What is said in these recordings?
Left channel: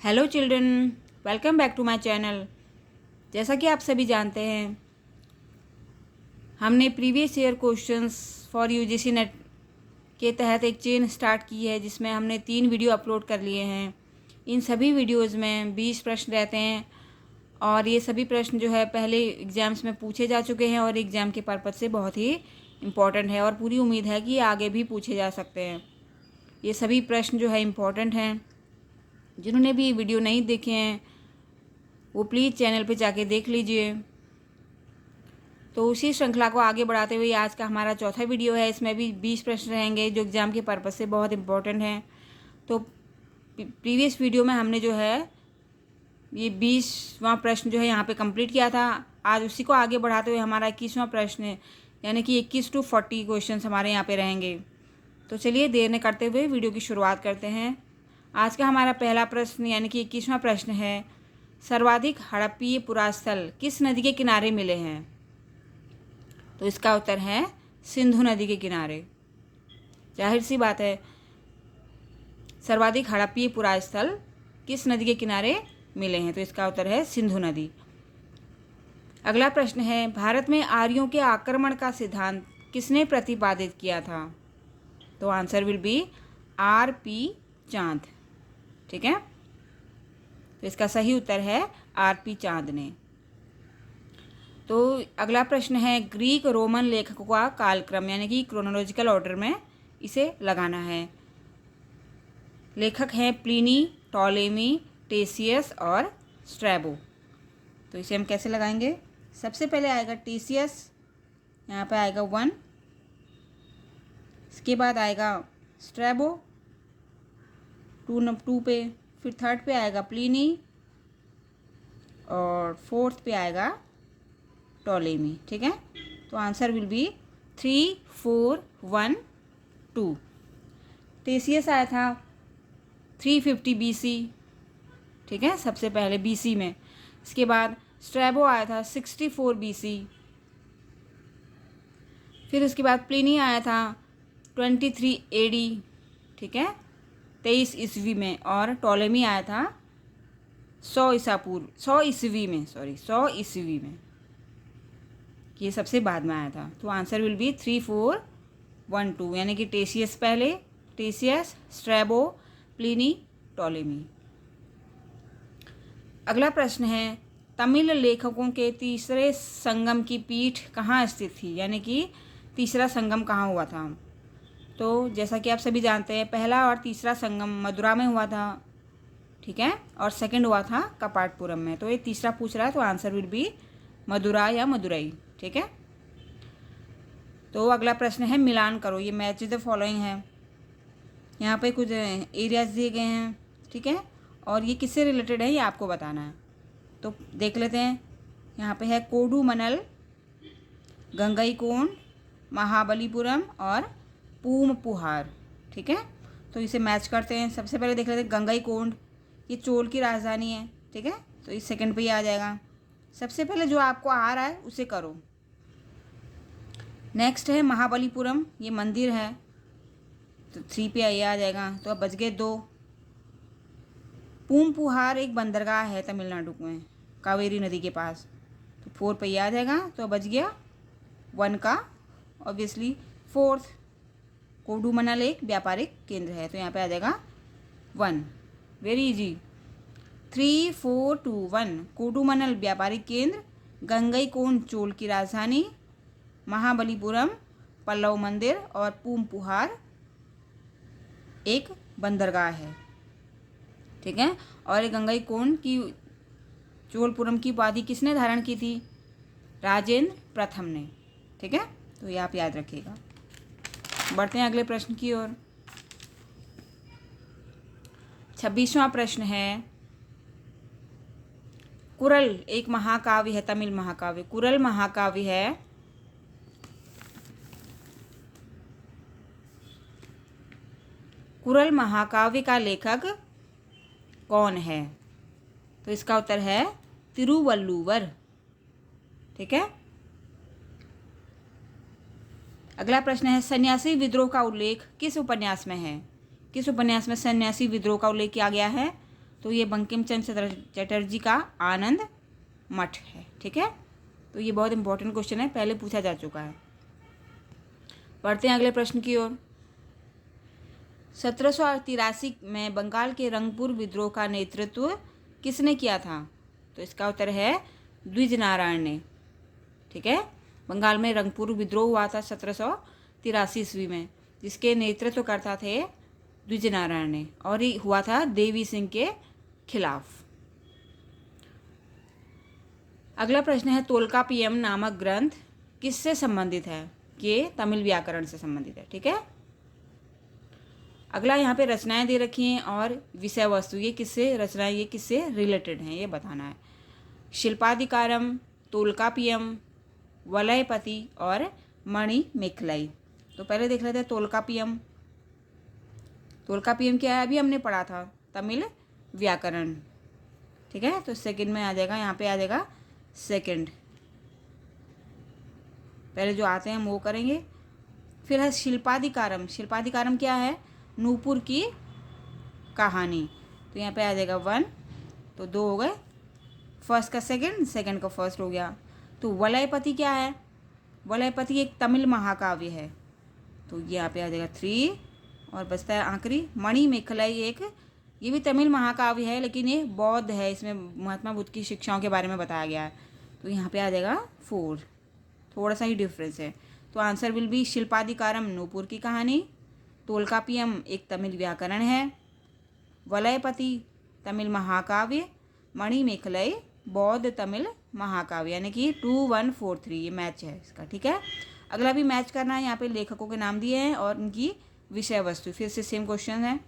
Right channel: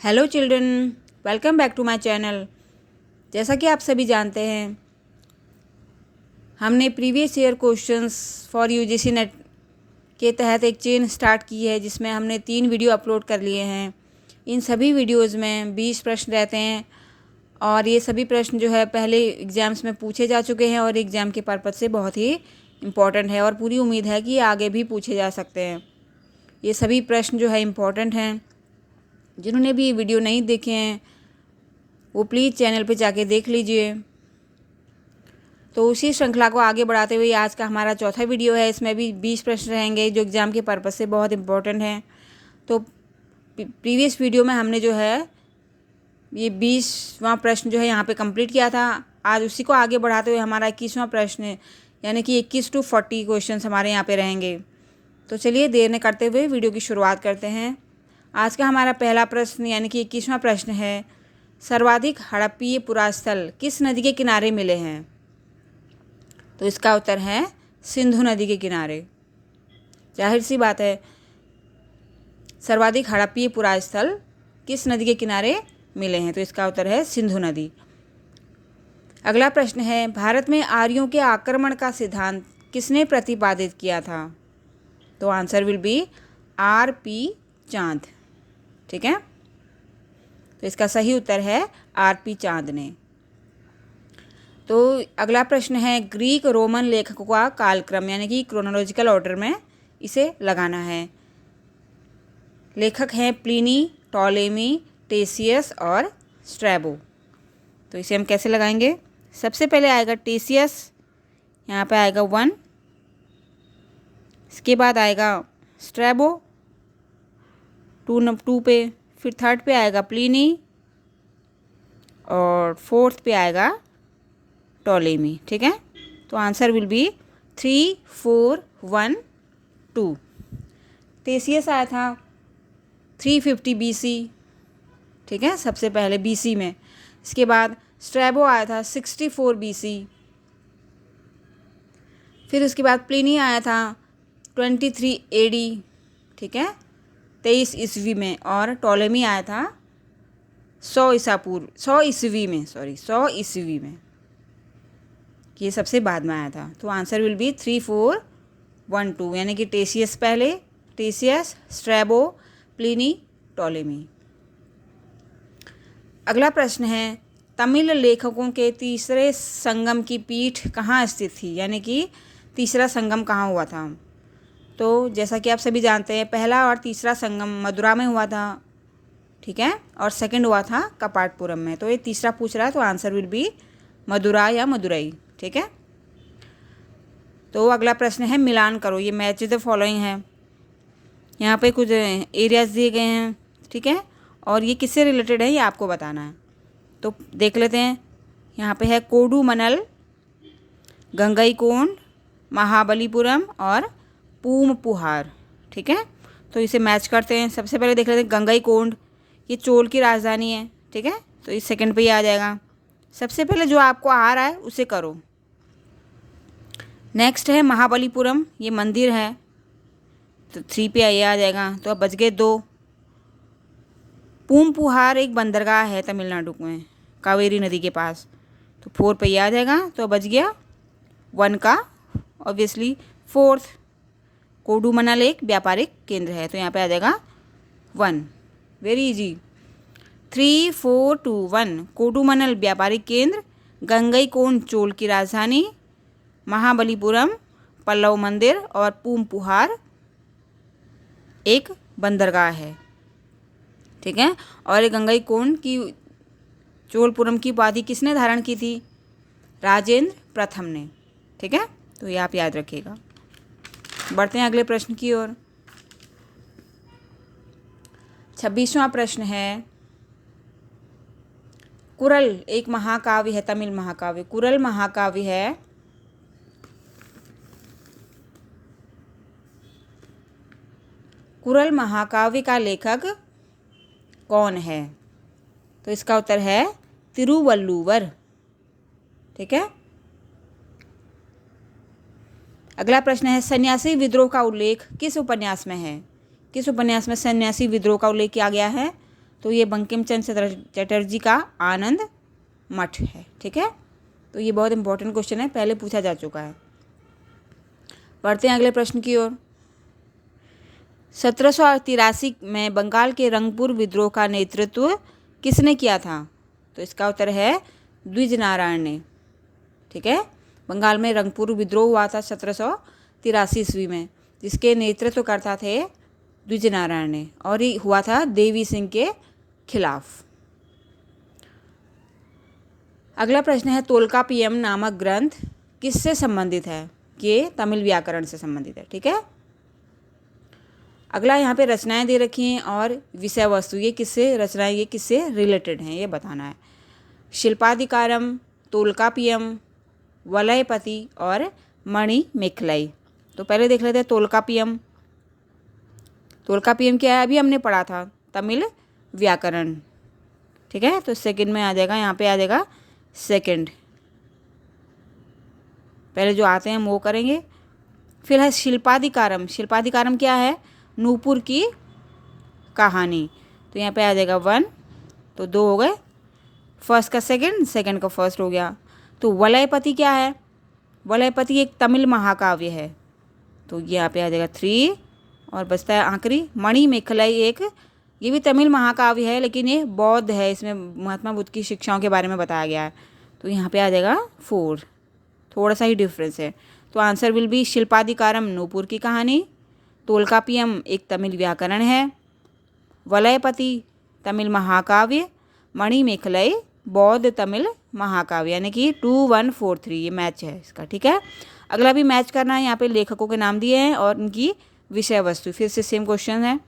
Hello children, welcome back to my channel. जैसा कि आप सभी जानते हैं, हमने previous year questions for UGC NET के तहत एक चेन स्टार्ट की है, जिसमें हमने 3 वीडियो अपलोड कर लिए हैं। इन सभी वीडियोस में 20 प्रश्न रहते हैं और ये सभी प्रश्न जो है पहले एग्ज़ाम्स में पूछे जा चुके हैं और एग्ज़ाम के पर्पज़ से बहुत ही इम्पॉर्टेंट है और पूरी उम्मीद है कि आगे भी पूछे जा सकते हैं। ये सभी प्रश्न जो है इम्पॉर्टेंट हैं। जिन्होंने भी वीडियो नहीं देखे हैं वो प्लीज़ चैनल पे जाके देख लीजिए। तो उसी श्रृंखला को आगे बढ़ाते हुए आज का हमारा चौथा वीडियो है। इसमें भी 20 प्रश्न रहेंगे जो एग्ज़ाम के पर्पज़ से बहुत इम्पोर्टेंट हैं। तो प्रीवियस वीडियो में हमने जो है ये 20वां प्रश्न जो है यहाँ पे कंप्लीट किया था। आज उसी को आगे बढ़ाते हुए हमारा 21वां प्रश्न है, यानी कि 21 to 40 क्वेश्चन हमारे यहाँ पे रहेंगे। तो चलिए देर न करते हुए वीडियो की शुरुआत करते हैं। आज का हमारा पहला प्रश्न यानी कि 21वां प्रश्न है, सर्वाधिक हड़प्पीय पुरास्थल किस नदी के किनारे मिले हैं? तो इसका उत्तर है सिंधु नदी के किनारे। जाहिर सी बात है, सर्वाधिक हड़प्पीय पुरास्थल किस नदी के किनारे मिले हैं? तो इसका उत्तर है सिंधु नदी। अगला प्रश्न है, भारत में आर्यों के आक्रमण का सिद्धांत किसने प्रतिपादित किया था? तो आंसर विल बी R.P. चांद। ठीक है, तो इसका सही उत्तर है R.P. चांद ने। तो अगला प्रश्न है, ग्रीक रोमन लेखकों का कालक्रम यानी कि क्रोनोलॉजिकल ऑर्डर में इसे लगाना है। लेखक हैं प्लिनी, टॉलेमी, टेसियस और स्ट्रैबो। तो इसे हम कैसे लगाएंगे? सबसे पहले आएगा टेसियस, यहाँ पे आएगा 1। इसके बाद आएगा स्ट्रैबो 2 पे, फिर 3rd पे आएगा प्लिनी और 4th पे आएगा टॉलेमी। ठीक है, तो आंसर विल बी 3, 4, 1, 2। टेसियस आया था 350 BC। ठीक है, सबसे पहले BC में। इसके बाद स्ट्रैबो आया था 64 BC। फिर उसके बाद प्लिनी आया था 23 AD। ठीक है, 23 ईस्वी में। और टॉलेमी आया था 100 ईस्वी में। ये सबसे बाद में आया था। तो आंसर विल बी 3, 4, 1, 2, यानी कि टेसियस पहले, टेसियस, स्ट्रैबो, प्लिनी, टॉलेमी। अगला प्रश्न है, तमिल लेखकों के तीसरे संगम की पीठ कहाँ स्थित थी? यानी कि तीसरा संगम कहाँ हुआ था? तो जैसा कि आप सभी जानते हैं, पहला और तीसरा संगम मदुरा में हुआ था। ठीक है, और सेकंड हुआ था कपाटपुरम में। तो ये तीसरा पूछ रहा है, तो आंसर विल बी मदुरा या मदुरई। ठीक है, तो अगला प्रश्न है, मिलान करो। ये मैच द फॉलोइंग है। यहाँ पे कुछ एरियाज दिए गए हैं। ठीक है, और ये किससे रिलेटेड है ये आपको बताना है। तो देख लेते हैं। यहाँ पे है कोडुमनल, गंगईकोंड, महाबलीपुरम और पूमपुहार। ठीक है, तो इसे मैच करते हैं। सबसे पहले देख लेते हैं गंगईकोंड, ये चोल की राजधानी है। ठीक है, तो इस सेकंड पे ही आ जाएगा। सबसे पहले जो आपको आ रहा है उसे करो। नेक्स्ट है महाबलीपुरम, ये मंदिर है, तो 3 पे ये आ जाएगा। तो अब बच गए 2। पूमपुहार एक बंदरगाह है तमिलनाडु में, कावेरी नदी के पास, तो 4 पे ये आ जाएगा। तो बच गया 1 का ऑब्वियसली 4th। कोडुमनल एक व्यापारिक केंद्र है, तो यहाँ पे आ जाएगा 1। Very easy. 3, 4, 2, 1। कोडुमनल व्यापारिक केंद्र, गंगईकोंड चोल की राजधानी, महाबलीपुरम पल्लव मंदिर और पूमपुहार एक बंदरगाह है। ठीक है, और गंगईकोंड की चोलपुरम की उपाधि किसने धारण की थी? राजेंद्र प्रथम ने। ठीक है, तो ये आप याद रखिएगा। बढ़ते हैं अगले प्रश्न की ओर। 26वां प्रश्न है, कुरल एक महाकाव्य है, तमिल महाकाव्य। कुरल महाकाव्य है, कुरल महाकाव्य का लेखक कौन है? तो इसका उत्तर है तिरुवल्लुवर। ठीक है, अगला प्रश्न है, सन्यासी विद्रोह का उल्लेख किस उपन्यास में है? किस उपन्यास में सन्यासी विद्रोह का उल्लेख किया गया है? तो ये बंकिम चंद्र चटर्जी का आनंद मठ है। ठीक है, तो ये बहुत इंपॉर्टेंट क्वेश्चन है, पहले पूछा जा चुका है। बढ़ते हैं अगले प्रश्न की ओर। 1783 में बंगाल के रंगपुर विद्रोह का नेतृत्व किसने किया था? तो इसका उत्तर है द्विज नारायण ने। ठीक है, बंगाल में रंगपुर विद्रोह हुआ था 1783 ईस्वी में, जिसके नेतृत्व करता थे द्विज नारायण ने, और ये हुआ था देवी सिंह के खिलाफ। अगला प्रश्न है तोल्कापियम नामक ग्रंथ किससे संबंधित है? ये तमिल व्याकरण से संबंधित है। ठीक है, अगला यहाँ पे रचनाएं दे रखी हैं और विषय वस्तु, ये किससे रचनाएं, ये किससे रिलेटेड हैं, ये बताना है। शिल्पाधिकारम, तोल्कापियम, वलयपति और मणि मेखलाई। तो पहले देख लेते हैं तोल्कापियम। तोल्कापियम क्या है? अभी हमने पढ़ा था, तमिल व्याकरण। ठीक है, तो सेकंड में आ जाएगा, यहाँ पे आ जाएगा सेकंड। पहले जो आते हैं हम वो करेंगे। फिर है शिल्पाधिकारम। शिल्पाधिकारम क्या है? नूपुर की कहानी। तो यहाँ पे आ जाएगा 1, तो 2 हो गए, फर्स्ट का सेकंड, सेकंड का फर्स्ट हो गया। तो वलयपति क्या है? वलयपति एक तमिल महाकाव्य है, तो यहाँ पे आ जाएगा 3, और बचता है आखिरी मणि मेखलाई। एक ये भी तमिल महाकाव्य है, लेकिन ये बौद्ध है, इसमें महात्मा बुद्ध की शिक्षाओं के बारे में बताया गया है, तो यहाँ पे आ जाएगा 4, थोड़ा सा ही डिफरेंस है। तो answer will be Silappadikaram Nupur की कहानी, तोल्कापियम एक तमिल व्याकरण है, वलयपति तमिल महाकाव्य, मणि मेखलाई बौद्ध तमिल महाकाव्य, यानी कि 2, 1, 4, 3 ये मैच है इसका। ठीक है, अगला भी मैच करना है। यहाँ पे लेखकों के नाम दिए हैं और उनकी विषय वस्तु, फिर से सेम क्वेश्चन है।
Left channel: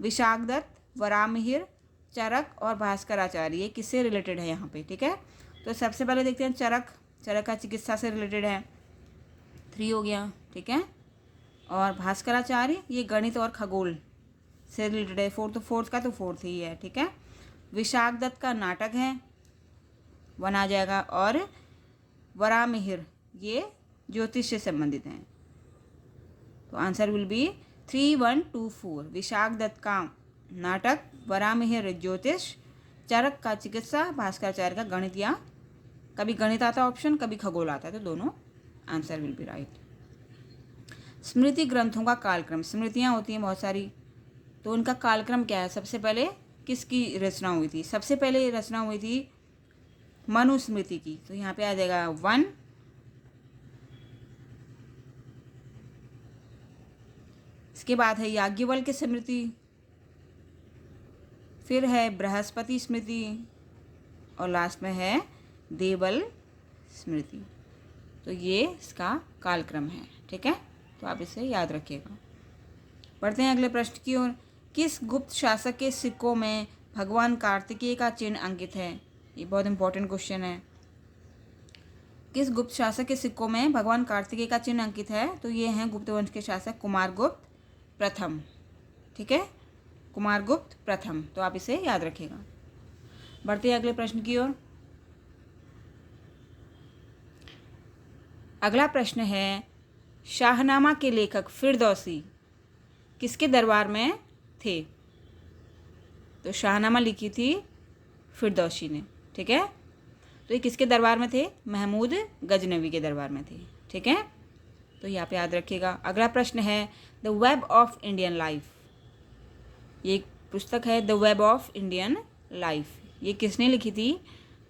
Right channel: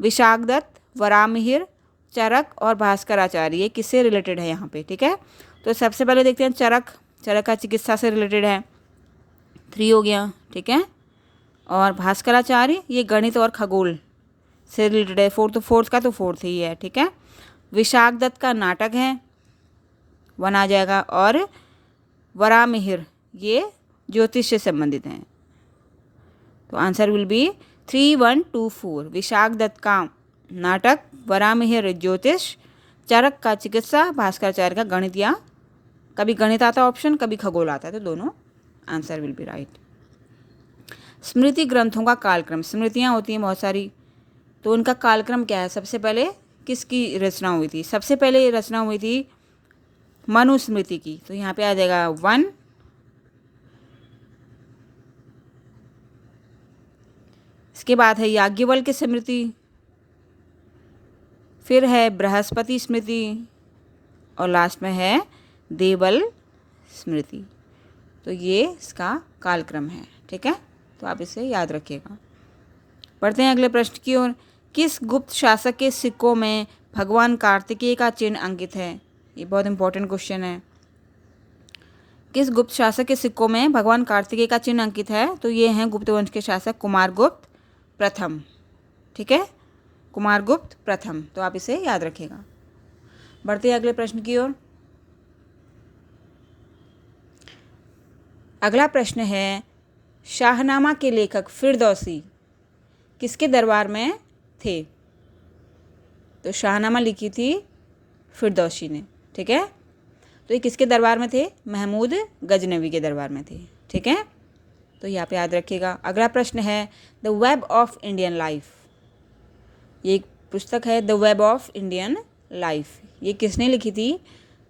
विशाखदत्त, वराहमिहिर, चरक और भास्कराचार्य, ये किससे रिलेटेड है यहाँ पे? ठीक है, तो सबसे पहले देखते हैं चरक। चरक का चिकित्सा से रिलेटेड है, 3 हो गया। ठीक है, और भास्कराचार्य ये गणित और खगोल से रिलेटेड है, फोर्थ का तो फोर्थ ही है। ठीक है, विशाखदत्त का नाटक है, 1 आ जाएगा, और वराहमिहिर ये ज्योतिष से संबंधित हैं, तो आंसर विल बी 3, 1, 2, 4। विशाखदत्त का नाटक, वराहमिहिर ज्योतिष, चरक का चिकित्सा, भास्कराचार्य का गणित, या कभी गणित आता है ऑप्शन, कभी खगोल आता है, तो दोनों आंसर विल बी राइट। स्मृति ग्रंथों का कालक्रम, स्मृतियाँ होती हैं बहुत सारी, तो उनका कालक्रम क्या है? सबसे पहले किसकी रचना हुई थी? सबसे पहले रचना हुई थी मनुस्मृति की, तो यहाँ पे आ जाएगा 1। इसके बाद है याज्ञवल्क्य स्मृति, फिर है बृहस्पति स्मृति, और लास्ट में है देवल स्मृति। तो ये इसका कालक्रम है। ठीक है, तो आप इसे याद रखिएगा। पढ़ते हैं अगले प्रश्न की ओर। किस गुप्त शासक के सिक्कों में भगवान कार्तिकेय का चिन्ह अंकित है? ये बहुत इंपॉर्टेंट क्वेश्चन है। किस गुप्त शासक के सिक्कों में भगवान कार्तिकेय का चिन्ह अंकित है? तो ये हैं गुप्त वंश के शासक कुमारगुप्त प्रथम। ठीक है, कुमारगुप्त प्रथम, तो आप इसे याद रखिएगा। बढ़ते हैं अगले प्रश्न की ओर। अगला प्रश्न है शाहनामा के लेखक फिरदौसी किसके दरबार में थे? तो शाहनामा लिखी थी फिरदौसी ने। ठीक है, तो ये किसके दरबार में थे? महमूद गजनवी के दरबार में थे। ठीक है, तो यहाँ पे याद रखिएगा। अगला प्रश्न है the web of Indian life, ये एक पुस्तक है the web of Indian life, ये किसने लिखी थी?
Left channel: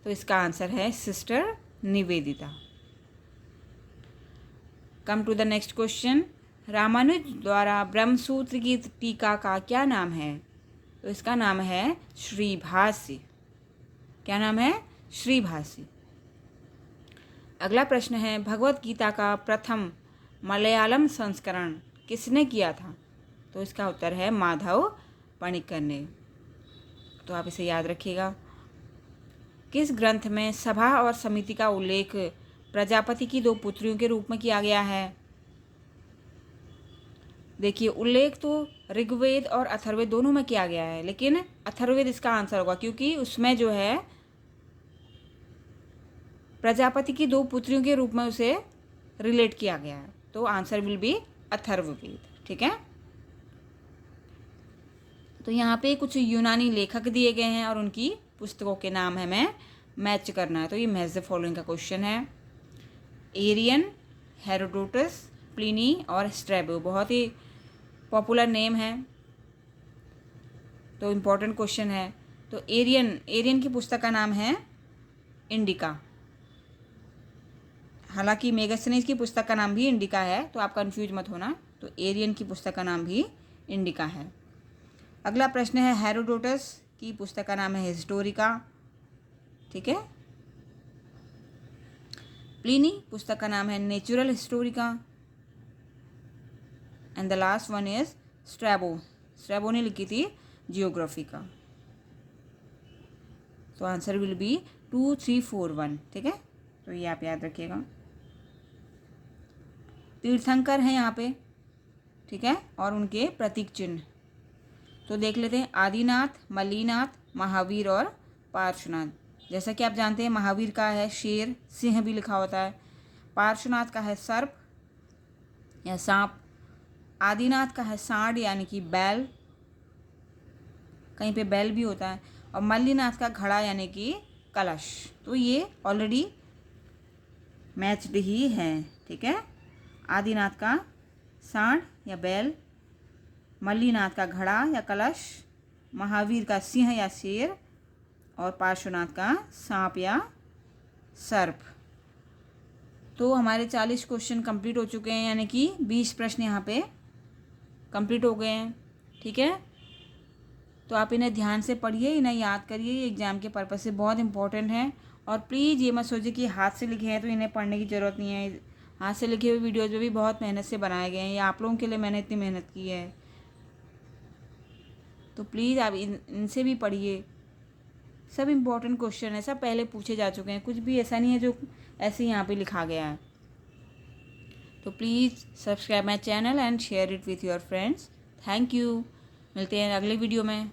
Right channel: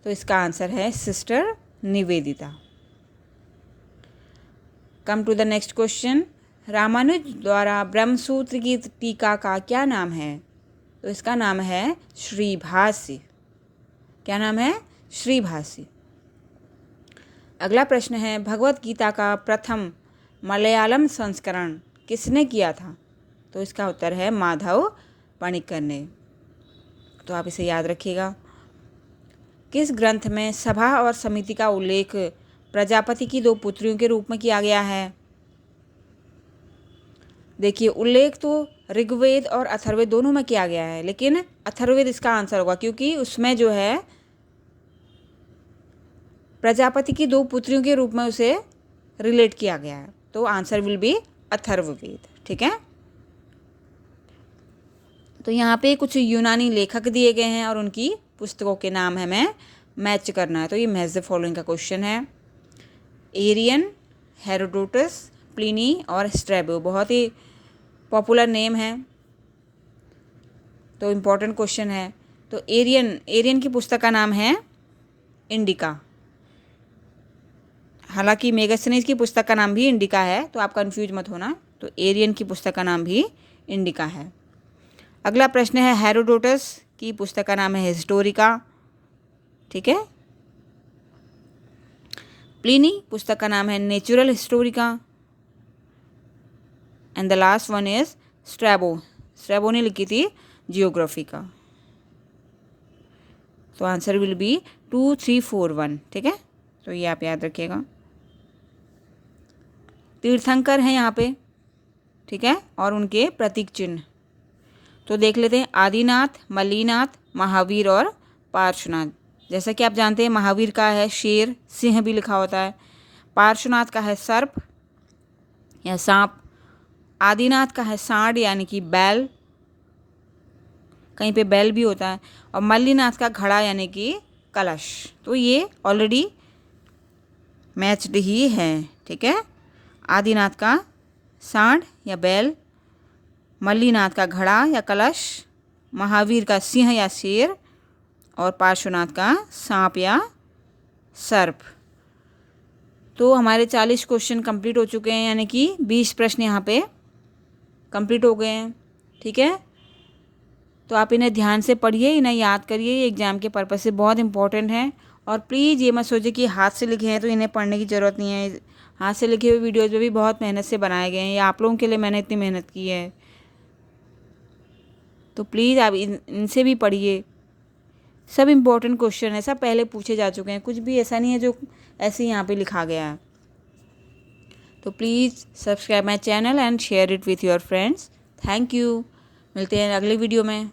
तो इसका आंसर है sister Nivedita. Come to the next question. Ramanuja द्वारा ब्रह्मसूत्र की टीका का क्या नाम है? तो इसका नाम है श्रीभाष्य। क्या नाम है? श्रीभाष्य। अगला प्रश्न है भगवत गीता का प्रथम मलयालम संस्करण किसने किया था? तो इसका उत्तर है माधव पणिक्कर ने, तो आप इसे याद रखिएगा। किस ग्रंथ में सभा और समिति का उल्लेख प्रजापति की 2 पुत्रियों के रूप में किया गया है? देखिए, उल्लेख तो ऋग्वेद और अथर्ववेद दोनों में किया गया है, लेकिन अथर्ववेद इसका आंसर होगा, क्योंकि उसमें जो है प्रजापति की 2 पुत्रियों के रूप में उसे रिलेट किया गया है, तो आंसर विल बी अथर्ववेद। ठीक है, तो यहाँ पे कुछ यूनानी लेखक दिए गए हैं और उनकी पुस्तकों के नाम हमें मैच करना है। तो ये मैच द फॉलोइंग का क्वेश्चन है। एरियन, हेरोडोटस, प्लिनी और स्ट्रैबो बहुत ही पॉपुलर नेम है, तो इम्पोर्टेंट क्वेश्चन है। तो एरियन की पुस्तक का नाम है इंडिका। हालांकि मेगास्थनीज की पुस्तक का नाम भी इंडिका है, तो आप कंफ्यूज मत होना। तो एरियन की पुस्तक का नाम भी इंडिका है। अगला प्रश्न है, हेरोडोटस की पुस्तक का नाम है हिस्टोरिका। ठीक है। प्लिनी पुस्तक का नाम है natural Historica. And the last one is Strabo ने लिखी थी जियोग्राफी का। तो आंसर विल बी 2, 3, 4, 1। ठीक है, तो ये आप याद रखिएगा। तीर्थंकर हैं यहाँ पे, ठीक है, और उनके प्रतीक चिन्ह तो देख लेते हैं। आदिनाथ, मल्लीनाथ, महावीर और पार्श्वनाथ। जैसा कि आप जानते हैं, महावीर का है शेर, सिंह भी लिखा होता है। पार्श्वनाथ का है सर्प या सांप। आदिनाथ का है सांड यानी कि बैल, कहीं पे बैल भी होता है। और मल्लीनाथ का घड़ा यानी कि कलश। तो ये ऑलरेडी मैच्ड ही है। ठीक है, आदिनाथ का सांड या बैल, मल्लीनाथ का घड़ा या कलश, महावीर का सिंह या शेर और पार्श्वनाथ का सांप या सर्प। तो हमारे 40 क्वेश्चन कंप्लीट हो चुके हैं, यानी कि 20 प्रश्न यहाँ पे कंप्लीट हो गए हैं। ठीक है, तो आप इन्हें ध्यान से पढ़िए, इन्हें याद करिए, ये एग्ज़ाम के पर्पज़ से बहुत इंपॉर्टेंट है। और प्लीज़ ये मत सोचिए कि हाथ से लिखे हैं तो इन्हें पढ़ने की ज़रूरत नहीं है। हाथ से लिखे हुए वीडियोज़ में भी बहुत मेहनत से बनाए गए हैं, ये आप लोगों के लिए मैंने इतनी मेहनत की है। तो प्लीज़ आप इनसे भी पढ़िए। सब इम्पोर्टेंट क्वेश्चन है, सब पहले पूछे जा चुके हैं, कुछ भी ऐसा नहीं है जो ऐसे यहाँ पे लिखा गया है। तो please subscribe my channel and share it with your friends. Thank you. मिलते हैं अगले वीडियो में।